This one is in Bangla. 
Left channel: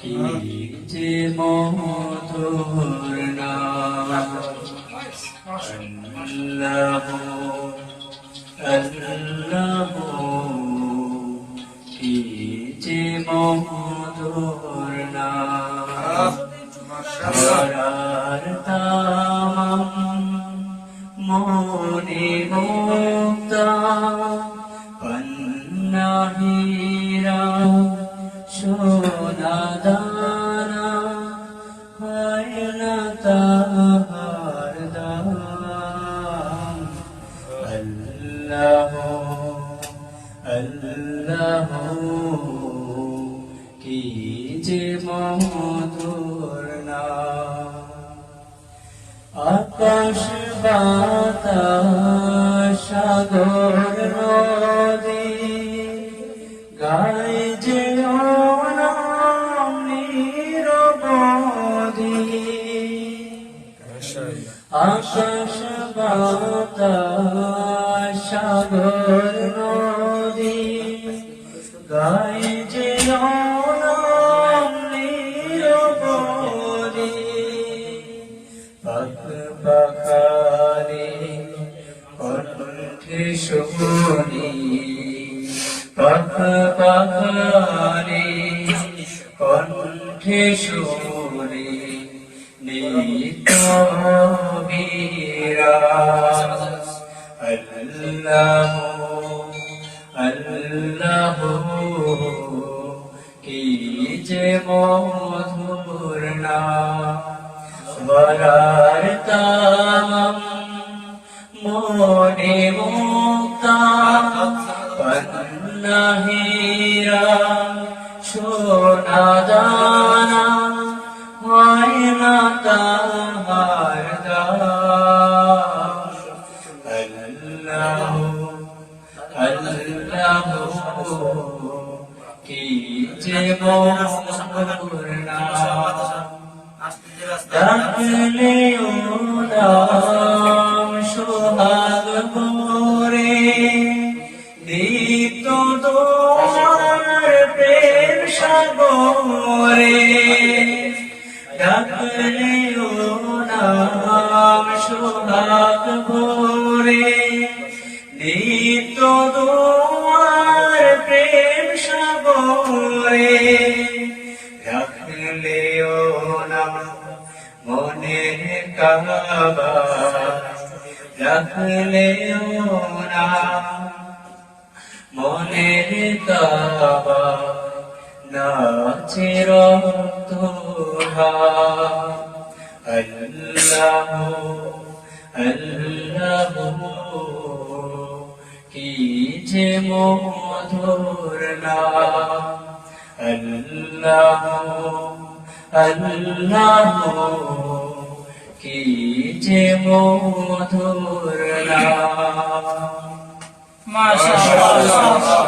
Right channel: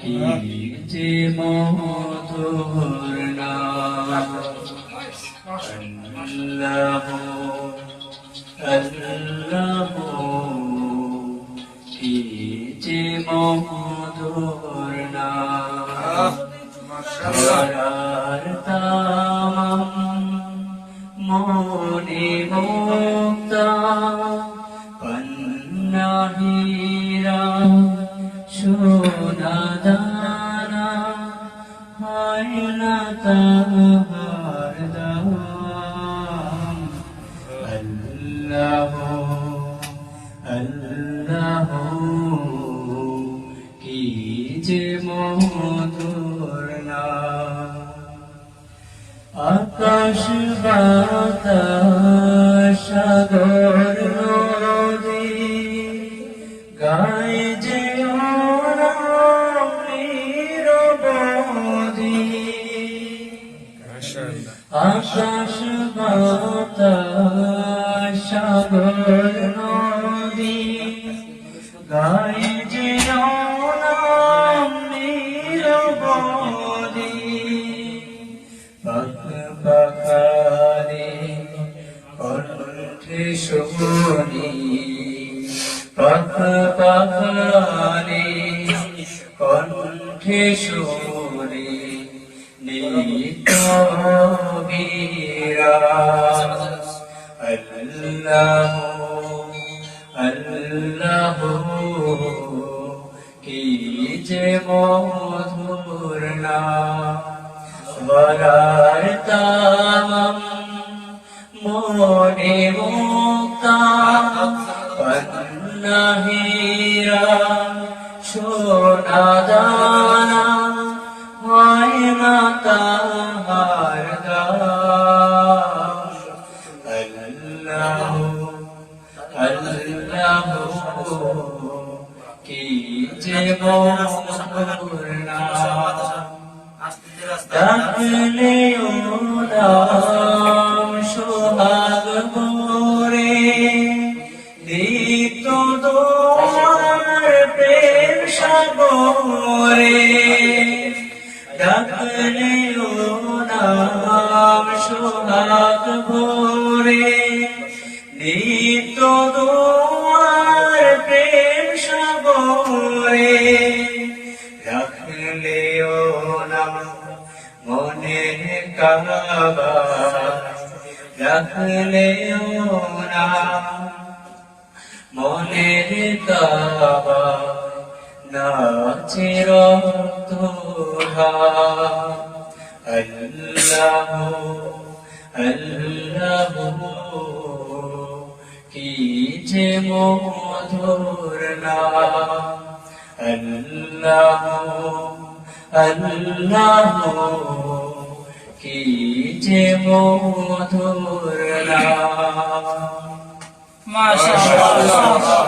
কি যে মধুর নাম আল্লাহ আল্লাহ, কি যে মধুর নাম। ধরার তামাম মনে মুক্তা পান্না হীরা সোনা দানা, হয় না তাহার দাম। আল্লাহ আল্লাহ, কি যে মধুর নাম। আকাশ বাতাস সাগর নদী গায় যে নিরবধি। আকাশ বাতাস সাগর নদী গায় যে নিরবধি। পাখারে কণ্ঠে শুনি, পাখারে কণ্ঠে শুনি নিত বিরাজ। আল্লাহ আল্লাহ, কি যে মধুর নাম। বলার তামাম মনে মুক্তা পান্না হীরা সোনা দানা, হয় না তাহার দাম। আল্লাহ আল্লাহ, কি যে মধুর নাম। ডাকিলে ও নাম সোহাগ ভরে, দীপ্ত তোমার প্রেম সাগরে। ডাকিলে ও নাম সোহাগ ভরে, দীপ্ত তোমার প্রেম সাগরে। রাখলে ও নাম মনের কাবা, রাখলে ও নাম মনের কাবা, নাচের তোহা। আল্লাহ আল্লাহ, কি যে মধুর নাম। আল্লাহ আল্লাহ, কি যে মধুর নাম। মাশাআল্লাহ।